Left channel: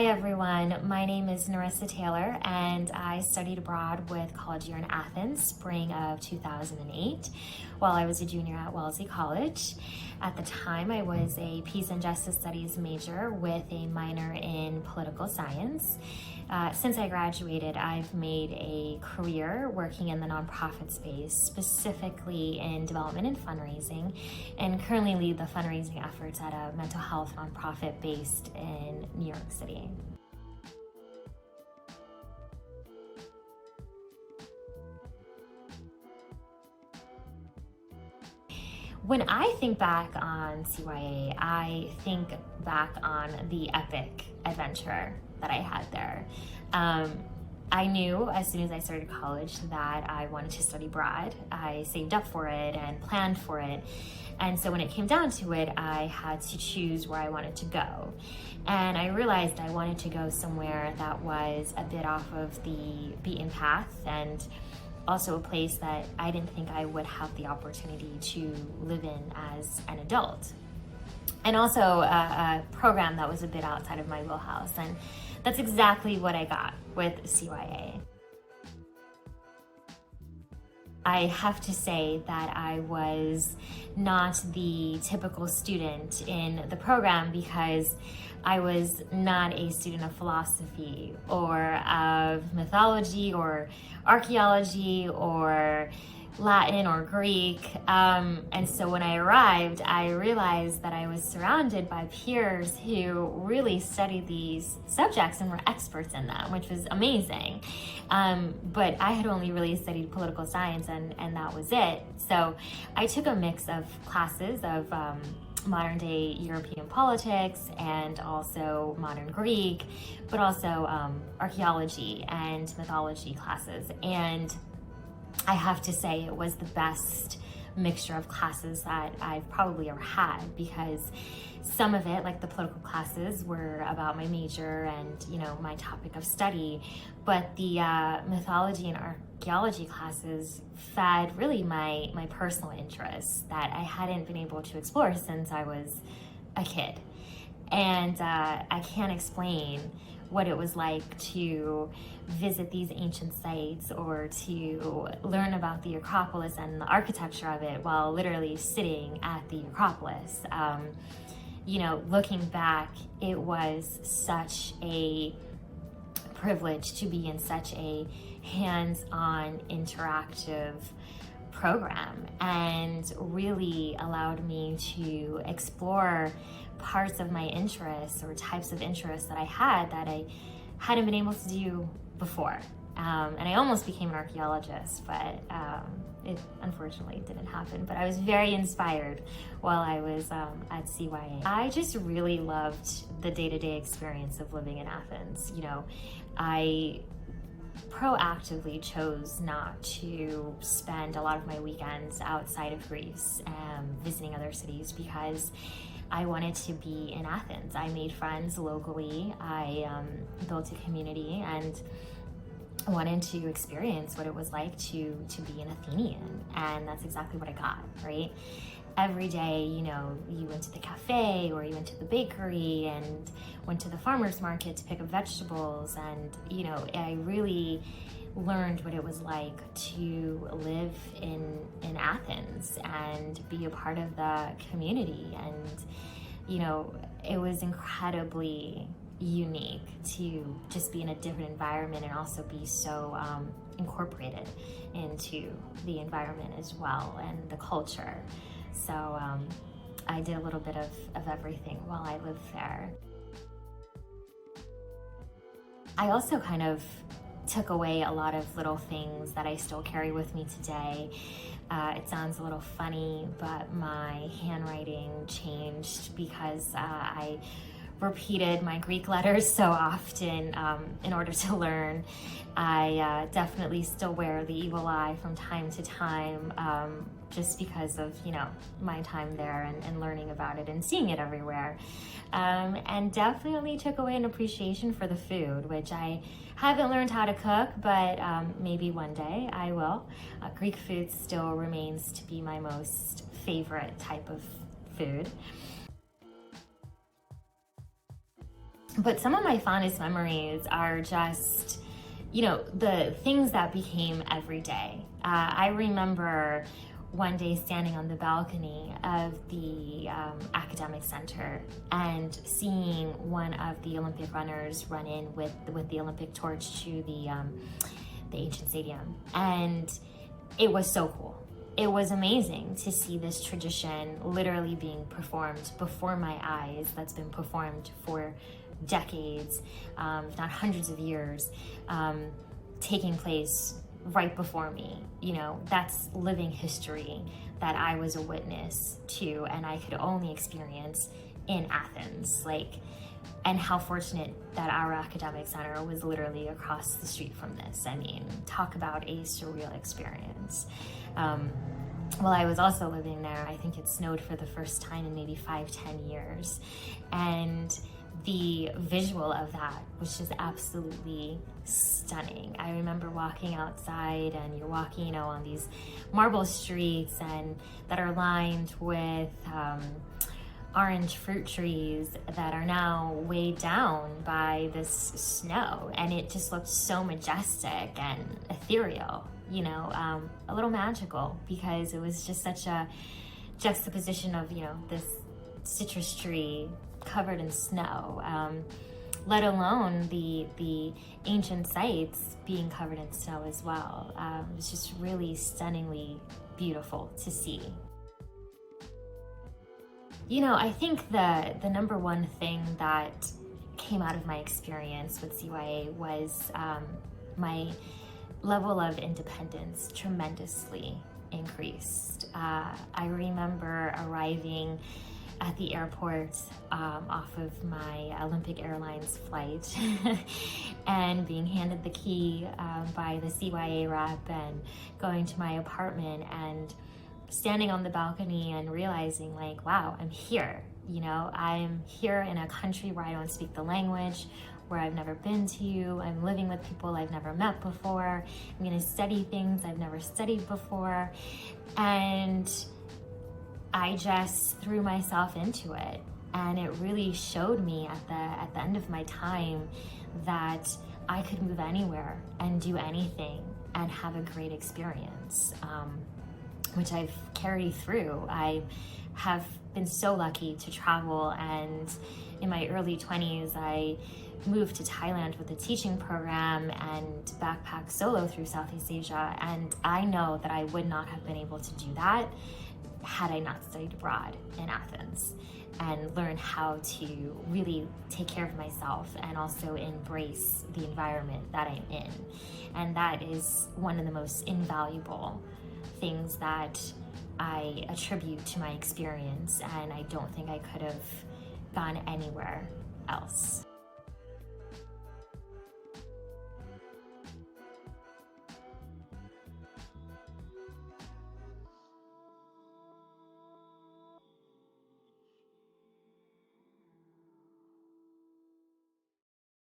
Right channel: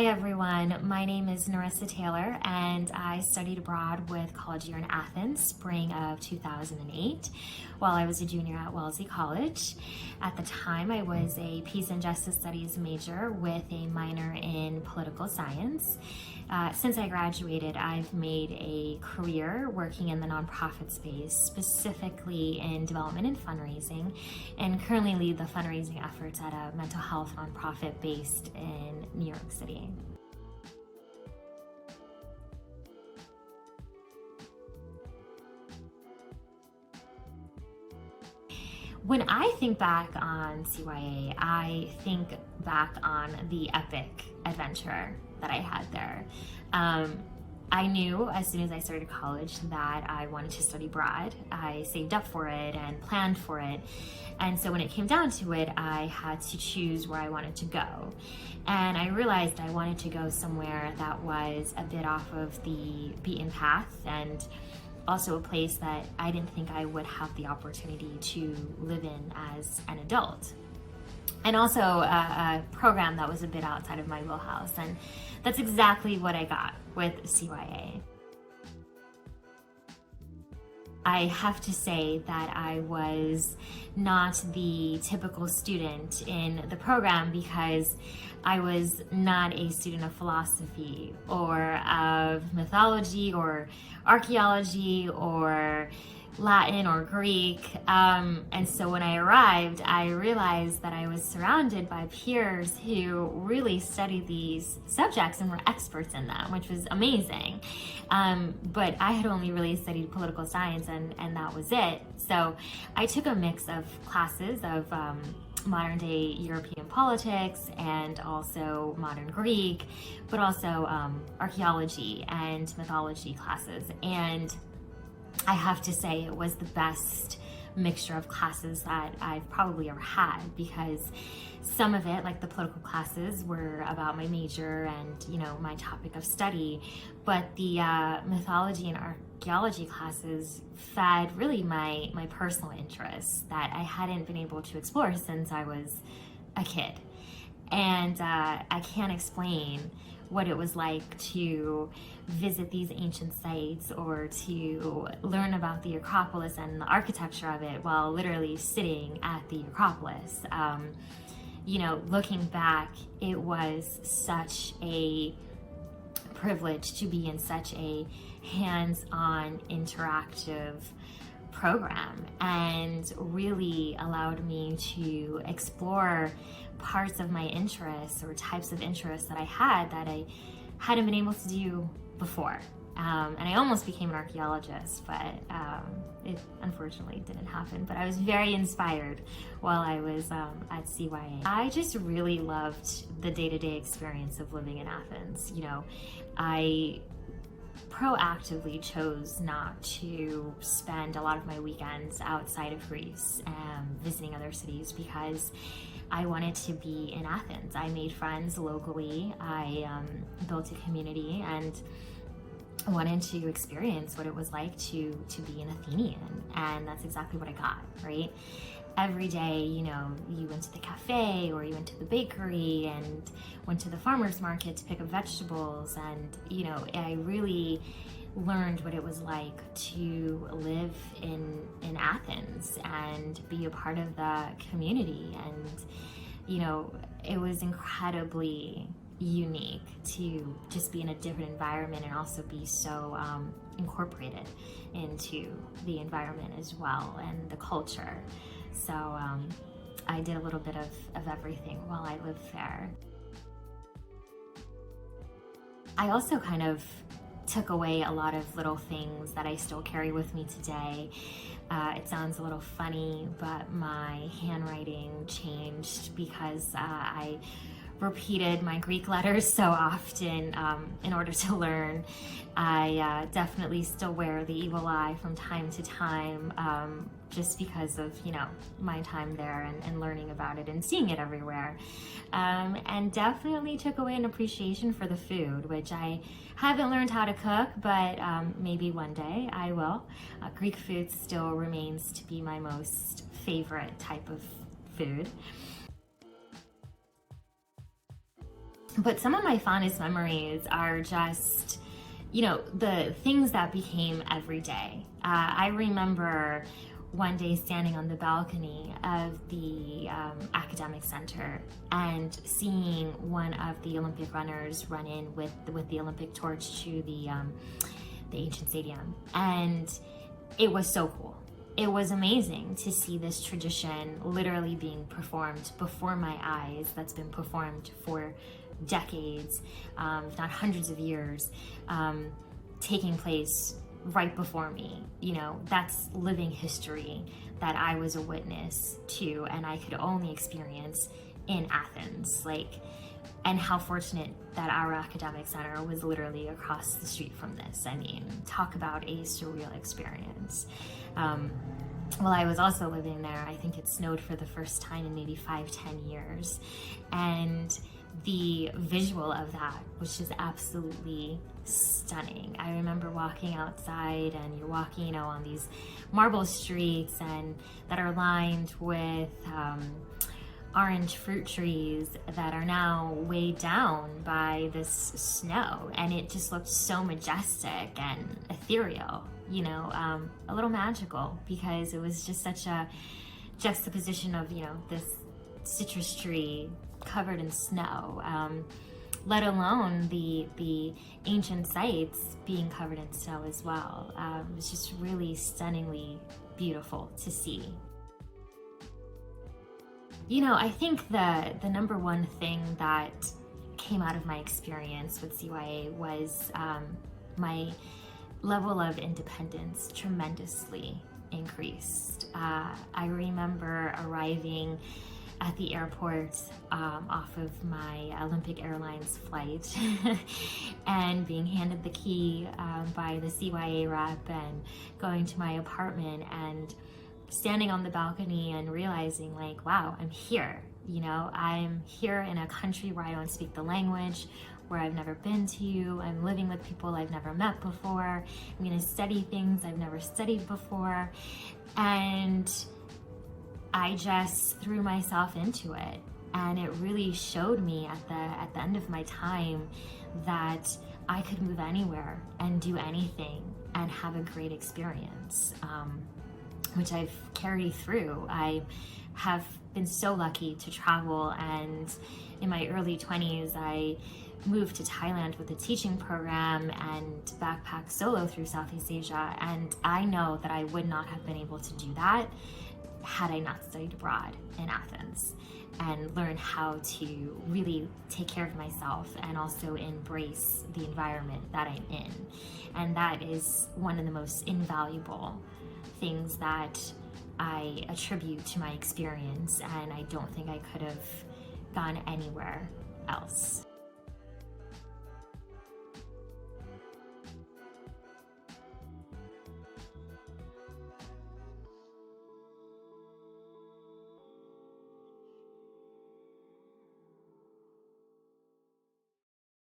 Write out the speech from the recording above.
Hi everyone, my name is Nerissa Taylor and I studied abroad with college year in Athens, spring of 2008, while I was a junior at Wellesley College. At the time, I was a Peace and Justice Studies major with a minor in political science. Since I graduated, I've made a career working in the nonprofit space, specifically in development and fundraising, and currently lead the fundraising efforts at a mental health nonprofit based in New York City. When I think back on CEYA, I think back on the epic adventure that I had there. I knew as soon as I started college that I wanted to study abroad. I saved up for it and planned for it. And so when it came down to it, I had to choose where I wanted to go. And I realized I wanted to go somewhere that was a bit off of the beaten path and also a place that I didn't think I would have the opportunity to live in as an adult. And also a program that was a bit outside of my wheelhouse. And that's exactly what I got with CEYA. I have to say that I was not the typical student in the program because I was not a student of philosophy or of mythology or archaeology or Latin or Greek. And so when I arrived, I realized that I was surrounded by peers who really studied these subjects and were experts in them, which was amazing. But I had only really studied political science and that was it. So I took a mix of classes of modern day European politics and also modern Greek, but also archaeology and mythology classes. And I have to say it was the best mixture of classes that I've probably ever had, because some of it, like the political classes, were about my major and, my topic of study, but the mythology and archaeology classes fed really my personal interests that I hadn't been able to explore since I was a kid. And I can't explain what it was like to visit these ancient sites or to learn about the Acropolis and the architecture of it while literally sitting at the Acropolis. Looking back, it was such a privilege to be in such a hands-on interactive program and really allowed me to explore parts of my interests or types of interests that I had that I hadn't been able to do before. And I almost became an archaeologist, but it unfortunately didn't happen. But I was very inspired while I was at CEYA. I just really loved the day-to-day experience of living in Athens. I proactively chose not to spend a lot of my weekends outside of Greece visiting other cities because I wanted to be in Athens. I made friends locally. I built a community and wanted to experience what it was like to be an Athenian. And that's exactly what I got, right? Every day, you went to the cafe or you went to the bakery and went to the farmer's market to pick up vegetables. And, I really learned what it was like to live in Athens and be a part of the community. And, it was incredibly unique to just be in a different environment and also be so incorporated into the environment as well and the culture. So I did a little bit of everything while I lived there. I also kind of took away a lot of little things that I still carry with me today. It sounds a little funny, but my handwriting changed because I repeated my Greek letters so often in order to learn. I definitely still wear the evil eye from time to time just because of, my time there and learning about it and seeing it everywhere. And definitely took away an appreciation for the food, which I haven't learned how to cook, but maybe one day I will. Greek food still remains to be my most favorite type of food. But some of my fondest memories are just, the things that became every day. I remember one day standing on the balcony of the academic center and seeing one of the Olympic runners run in with the Olympic torch to the ancient stadium. And it was so cool. It was amazing to see this tradition literally being performed before my eyes, that's been performed for decades, if not hundreds of years, taking place right before me. That's living history that I was a witness to, and I could only experience in Athens. And how fortunate that our academic center was literally across the street from this. I mean, talk about a surreal experience. While I was also living there, I think it snowed for the first time in maybe 5-10 years. And the visual of that was just absolutely stunning. I remember walking outside, and you're walking, on these marble streets and that are lined with orange fruit trees that are now weighed down by this snow, and it just looked so majestic and ethereal, a little magical, because it was just such a juxtaposition of this citrus tree covered in snow, let alone the ancient sites being covered in snow as well. It was just really stunningly beautiful to see. I think the number one thing that came out of my experience with CEYA was my level of independence tremendously increased. I remember arriving at the airport off of my Olympic Airlines flight and being handed the key by the CEYA rep, and going to my apartment and standing on the balcony and realizing, wow, I'm here. I'm here in a country where I don't speak the language, where I've never been to. I'm living with people I've never met before. I'm gonna study things I've never studied before. And I just threw myself into it. And it really showed me at the end of my time that I could move anywhere and do anything and have a great experience, which I've carried through. I have been so lucky to travel, and in my early 20s, I moved to Thailand with a teaching program and backpacked solo through Southeast Asia. And I know that I would not have been able to do that had I not studied abroad in Athens and learned how to really take care of myself and also embrace the environment that I'm in. And that is one of the most invaluable things that I attribute to my experience, and I don't think I could have gone anywhere else.